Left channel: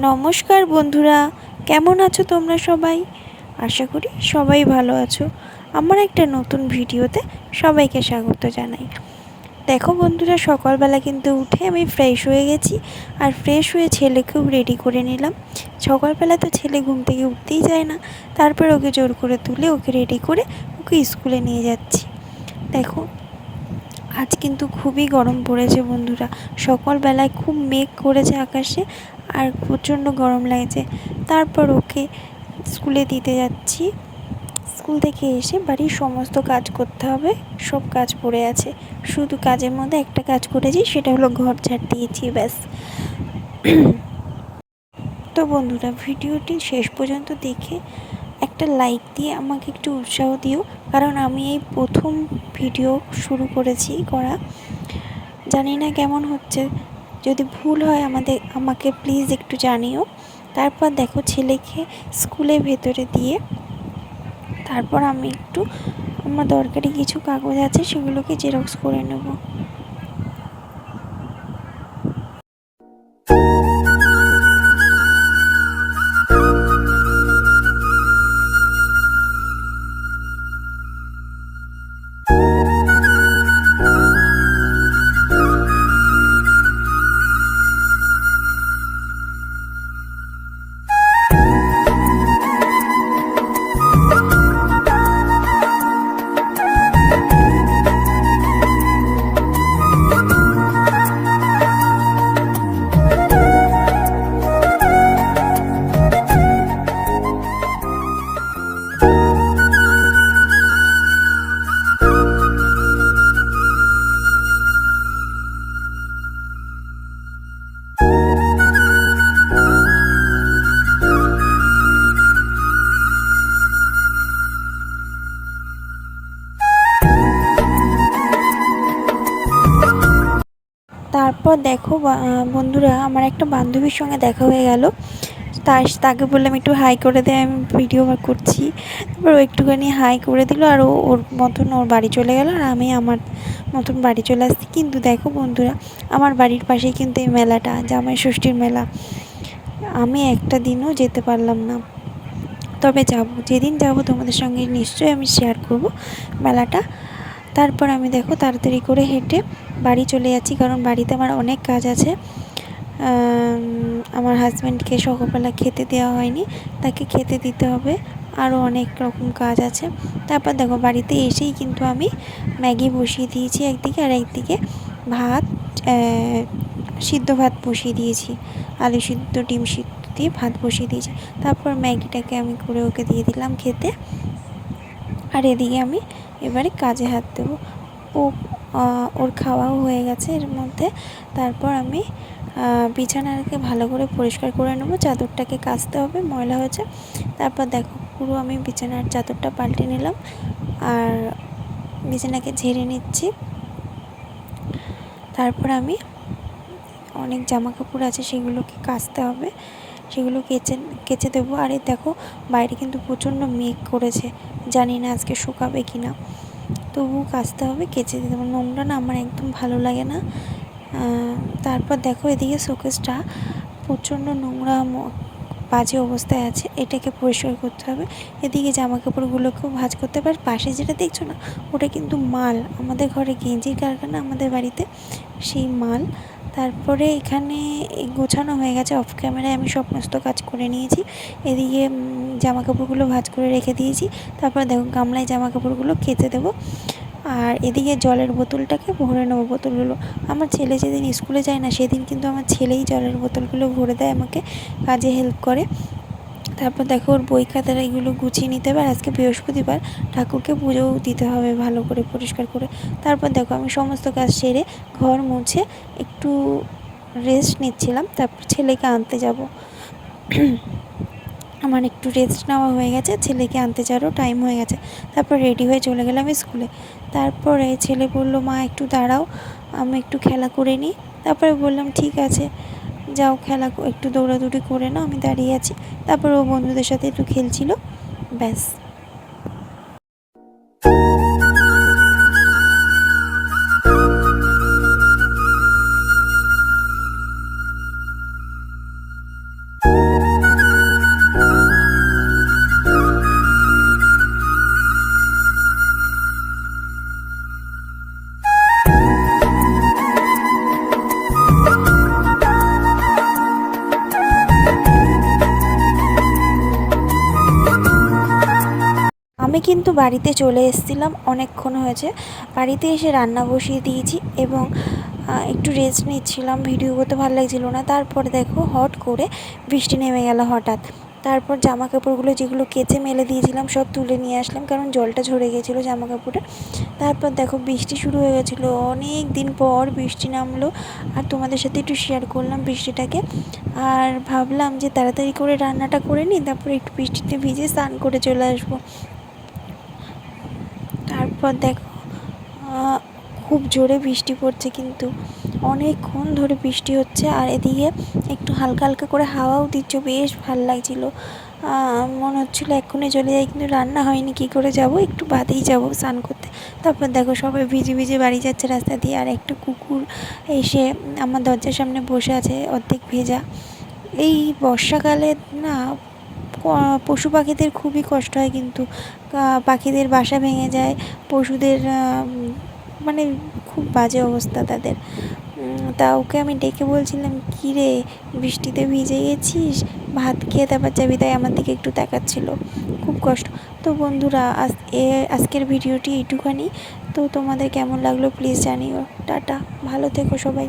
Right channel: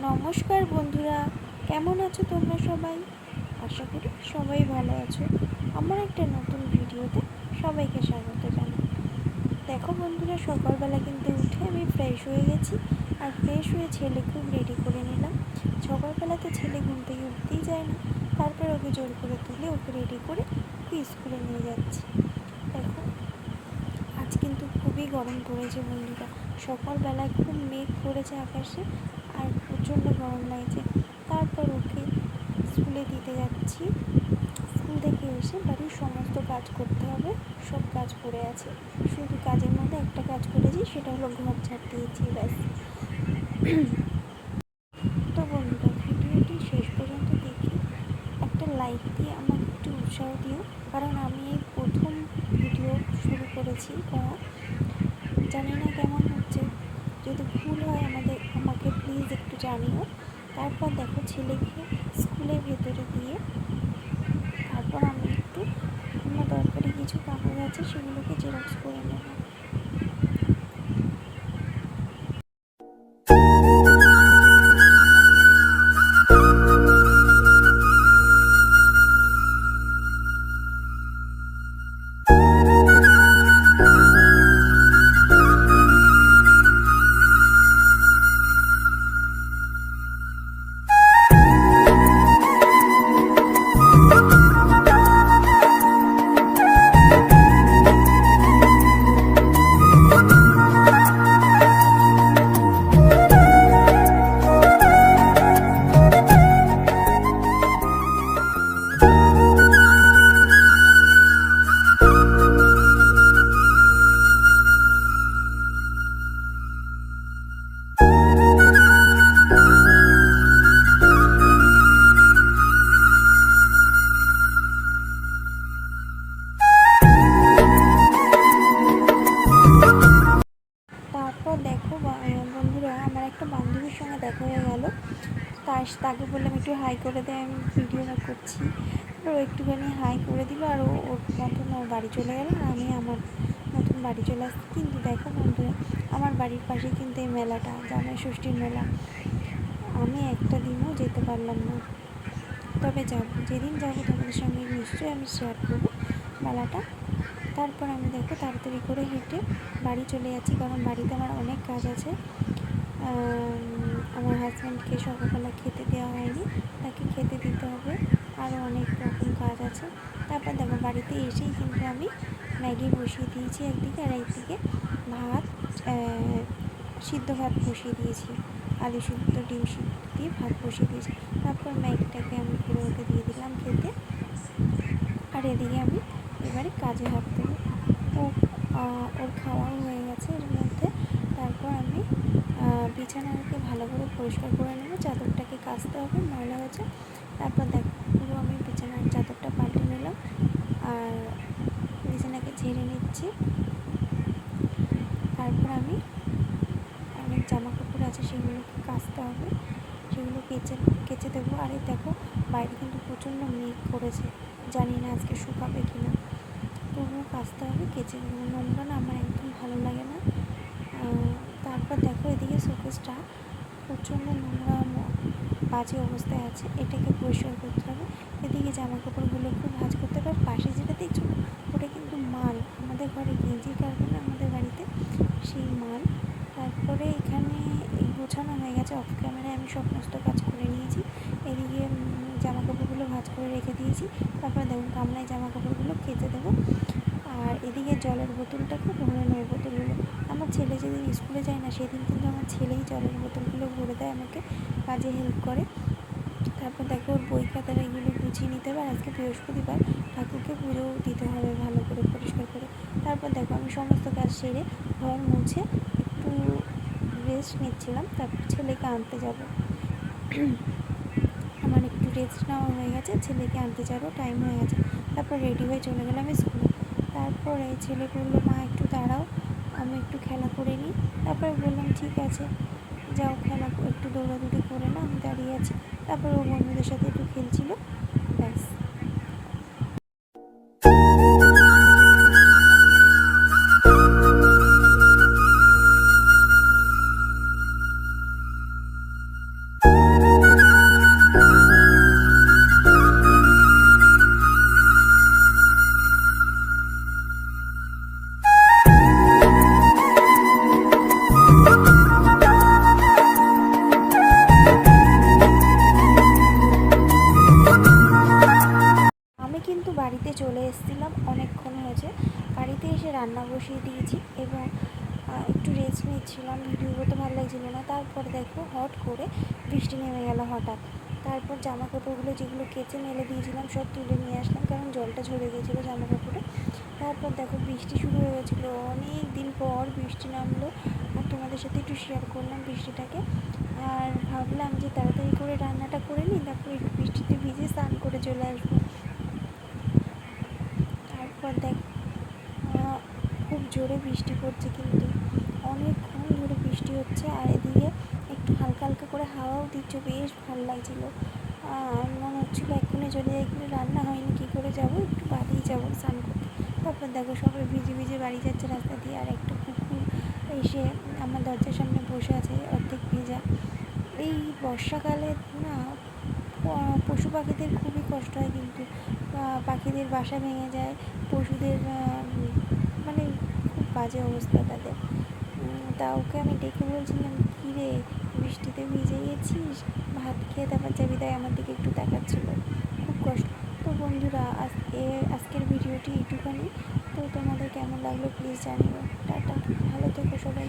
নমস্কার বন্ধুরা, কেমন আছো তোমরা সবাই? আশা করি সবাই ভালো আছো। আমার একটা নতুন ভিডিওতে সবাইকে স্বাগত জানাই। দেখো বন্ধুরা, সকালবেলা কিন্তু উঠে আমি ফ্রেশ হয়ে গেছি, আর ফ্রেশ হয়ে ছেলেকেও রেডি করে নিলাম। সকালবেলা তো ছেলে ঘুম থেকে উঠতেই যায় না, তারপর ওকে জোর করে তুলে ওকে রেডি করে ওকে স্কুলে নিয়ে যাচ্ছি। দেখো, আজ কিন্তু খুবই গরম পড়েছে বন্ধুরা। সকালবেলায় খুব মেঘ করেছে আকাশে, আর প্রচণ্ড গরম লাগছে। তারপর ওকে স্কুলে দিতে যাচ্ছি। স্কুল থেকে এসে বাড়ির সমস্ত কাজ করতে হবে, সব কাজ পড়ে আছে। শুধু কাজের মধ্যে একটা কাজ করেছি, সেটা হলো ঘর ঝাড় দিয়েছি, ব্যাস। তো বন্ধুরা, ভিডিওটি শেষ পর্যন্ত দেখে একটা লাইক দিয়ে আমাকে একটু উৎসাহ দিও, কারণ আমি এই প্রথম ভিডিও শুরু করেছি করা। জানি না কেমন হচ্ছে, যদি ভুল হয় আমাকে প্লিজ একটু জানিও। তারপর দেখো, ছেলেকে স্কুলের ভেতরে দিয়ে তারপর আমি একটু আমার দরকারি কিছু কাগজ আছে সেগুলোকে জেরক্স করে নেব। তারপর দেখো বন্ধুরা, আমার একটা বান্ধবীর সঙ্গে দেখা হয়ে গেল। তাকে বললাম একটু হাই করে দে, আমি ভিডিও করছি। তারপর ও একটুখানি হাই করে দিল, আর ওর মতন ওর বাড়ি চলে গেল, আর আমি আমার মতন বাড়ি চলে আসছি। কিন্তু দেখো বন্ধুরা, আমার বাড়ির পাশেই কিন্তু এই মেলাটা, জামাই ষষ্ঠীর মেলা। আমি একটা দিনও যেতে পারলাম না, তবে যাব, যেদিন যাব তোমাদের সঙ্গে নিশ্চয়ই আমি শেয়ার করব মেলাটা। তারপর আমি দেখো তাড়াতাড়ি করে হেঁটে বাড়ি চলে যাচ্ছি, কারণ বাড়িতে আমার অনেক কাজ আছে। আমার হাজব্যান্ডকে সকালবেলা খেতে দেওয়া হয়নি, তাকে খেতে দিতে হবে, আরও অনেক রকম কাজ আছে। তারপর দেখো, বাড়িতে এসেই কিন্তু আমি ম্যাগি বসিয়ে দিয়েছি একদিকে, আর একদিকে ভাত, সিদ্ধ ভাত বসিয়ে দিয়েছি। আলু সিদ্ধ, ডিম সিদ্ধ দিয়ে ভাত বসিয়ে দিয়েছি। তারপর ম্যাগিটাকে আমি করে ওকে দিয়ে দিলাম খেতে, আর এদিকে আমি এবারে কাজে হাত দেবো। ওর খাওয়াও হয়ে গেছে এর মধ্যে। তারপর আমি বিছানাটাকে ভালো করে পরিষ্কার করে নেবো, চাদরটাকে কাচতে হবে, ময়লা হয়েছে। তারপর দেখো, পুরো আমি বিছানার চাদরটা পাল্টে নিলাম, আর বিছানাকে ঝেড়ে নিচ্ছি। তারপর আমি অনেক জামা কাপড় আছে, সেগুলোকে কাচতে হবে, সেগুলো কেচে দেবো। আর এই দেখো, বাইরে কিন্তু প্রচণ্ড মেঘ করেছে, জানি না আজকে শুকাবে কি না, তবুও কাচতে হবে, কেচে দিতে হবে। নোংরা না আমার একদম ভালো লাগে না। তারপর দেখো, এদিকে শোকেসটা প্রচণ্ড নোংরা বাজে অবস্থায় আছে, এটাকে পরিষ্কার করতে হবে। এদিকে জামা কাপড়গুলোকেও ভাঁজ করতে হবে। পাশে যেটা দেখছো না, ওটা কিন্তু মাল, আমাদের ঘরে গেঞ্জির কারখানা, আমাদের বাড়িতে সেই মাল। তারপরে এখানে গোছানো হয়ে গেছে, অফ ক্যামেরায় আমি সমস্ত কাজ করে নিয়েছি। এদিকে জামা কাপড়গুলো ভাঁজ করে রেখে দিয়েছি। তারপর দেখো, গামলায় জামা কাপড়গুলো কেচে দেবো, আর এদিকে জলের বোতলটাকে ভরে নেবো। বোতলগুলো আমার ছেলে যেদিন স্কুলে যায় না, সেদিন কিন্তু আমার ছেলেই জলের বোতলগুলো ভরে দেয়, আমাকে কাজে হেল্প করে। তারপর দেখো, ওর বই খাতার এগুলো গুছিয়ে নিতে হবে। আর আজকে বৃহস্পতিবার, ঠাকুরকে পুজোও দিতে হবে ভালো করে পরিষ্কার করে। তারপর দেখো, আমি সমস্ত কাজ সেরে ঘর মুছে একটু রেস্ট নিচ্ছিলাম। তারপর ছেলেকে আনতে যাব। আমার একটু রেস্ট নেওয়া হয়ে গেছে, ছেলেকে আনতে যাওয়ারও টাইম হয়ে গেছে। তারপর রেডি হয়ে চলে গেলাম স্কুলে। তারপরে ছেলে বললো, মা একটু দাঁড়াও, আমি একটু খেলা করে নিই। তারপরে বললাম ঠিক আছে, যাও খেলা, একটু দৌড়াদৌড়ি করে নাও, আমি দাঁড়িয়ে আছি। তারপর ও বন্ধুদের সাথে একটু খেলছিল, ব্যাস। কিন্তু বাড়িতে চলে এসেছিলাম, অনেকক্ষণ হয়েছে। বাড়িতে এসে রান্না বসিয়ে দিয়েছি এবং একটু রেস্ট নিচ্ছিলাম, ভিডিও করতে ভালো লাগছিলো না। তারপরে দেখো হট করে বৃষ্টি নেমে গেল হঠাৎ। তারপর জামা কাপড়গুলো যেগুলো কেচে মেলে দিয়েছিলাম সব তুলে নিয়ে আসলাম, কারণ জলটা ঝরে গেছিলো জামা কাপড়ে। তারপর দেখো বৃষ্টি শুরু হয়ে গেছিলো, অনেক দিন পর বৃষ্টি নামলো। আর তোমাদের সাথে একটু শেয়ার করলাম বৃষ্টিটাকে। আর ভাবলাম যে তাড়াতাড়ি করে রান্নাটা করে নিই, তারপরে একটু বৃষ্টিতে ভিজে স্নান করে চলে আসবো। তারপর দেখো খুব জোরে বৃষ্টি পড়ছে, কিন্তু অনেকক্ষণ ধরে বৃষ্টি হচ্ছে। আর এদিকে একটু হালকা হালকা করে হাওয়াও দিচ্ছে, বেশ ভালো লাগছিলো। মনে হচ্ছিলো এক্ষুনি চলে যাই, কিন্তু রান্না হয়নি, কী করে যাব, একটু বাদেই যাব স্নান করতে। তারপর দেখো সবাই ভিজে ভিজে বাড়ি যাচ্ছে রাস্তা দিয়ে। আর একটা কুকুর এসে আমার দরজার সামনে বসে আছে অর্ধেক ভেজা। এই বর্ষাকালে না পশু পাখিদের খুবই কষ্ট হয়, কিন্তু পাখিদের বাসা ভেঙে যায়, পশুদের মানে খুব বাজে অবস্থা তাদের। তা ওকে আমি ডেকে বলছিলাম, কী রে বৃষ্টিতে ভিজে গেছিস, ভাত খেয়ে তারপর যাবি, তাই আমার দিকে একটু তাকাচ্ছিল, খুব কষ্ট। তো বন্ধুরা আজকের ভিডিওটি এইটুখানি। তো তোমাদের কেমন লাগলো প্লিজ জানিও। টাটা, ভালো থেকো সবাই।